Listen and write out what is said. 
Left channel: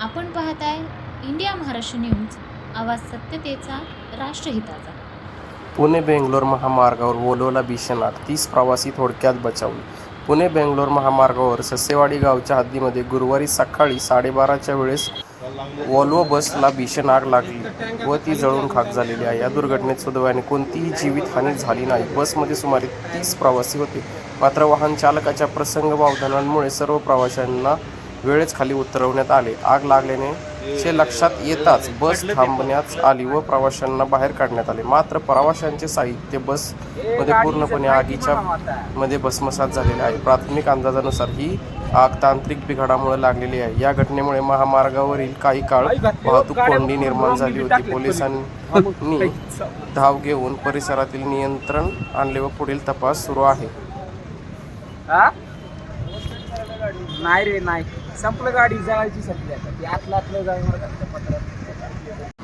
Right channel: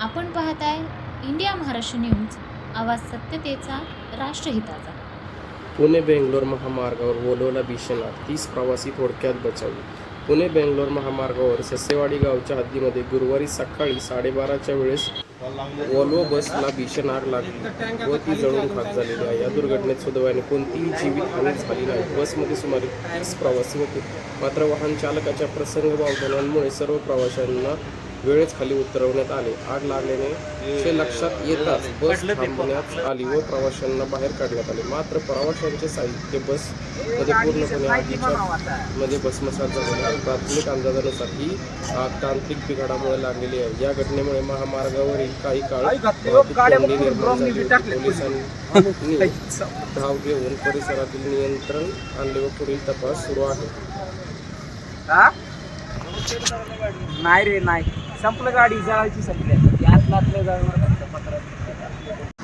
आपण पाहताय India Maharashtra news आवाज सत्यतेचा राष्ट्रहिताचा. पुणे बेंगलोर महामार्गावर ओलोला भीषण आग तीस प्रवासी थोडक्यात बचावले. पुणे बेंगलोर महामार्गावर ससेवाडी गावच्या हद्दीमध्ये गुरुवारी सकाळी साडेबाराच्या वेळेस वॉल्वो बसला भीषण आग लागली. व ती जळून खाक झालेली आहे. या दुर्घटनेत सुदैवाने कोणतीही जीवितहानी झाली नाही. बसमध्ये सुमारे तीस प्रवासी होते. मात्र वाहन चालकाच्या प्रसंग वावधानांमुळे सर्व प्रवाशांना वेळेच खाली उतरवण्यात आले. आग लागल्याने चे लक्षात येताच बस थांबवण्यात आली व प्रवाशांना बाहेर काढण्यात आले. मात्र प्रवाशांचे साहित्य बसमध्ये पूर्णपणे आगीच्या मध्ये भस्मसात झालेले आहे. प्राथमिक अंदाजानुसार ही आग तांत्रिक बिघाडामुळे लागलेली आहे. या घटनेमुळे महामार्गावरील काही काळ वाहतूक कोंडी निर्माण झाली होती. पोलिसांनी धाव घेऊन परिसरातील नियंत्रण आणले व पुढील तपास सुरू आहे. नाही रे नाही. संपलं गाडी जळायची संपली आता ती आतलं आतलं जळणार पत्रात.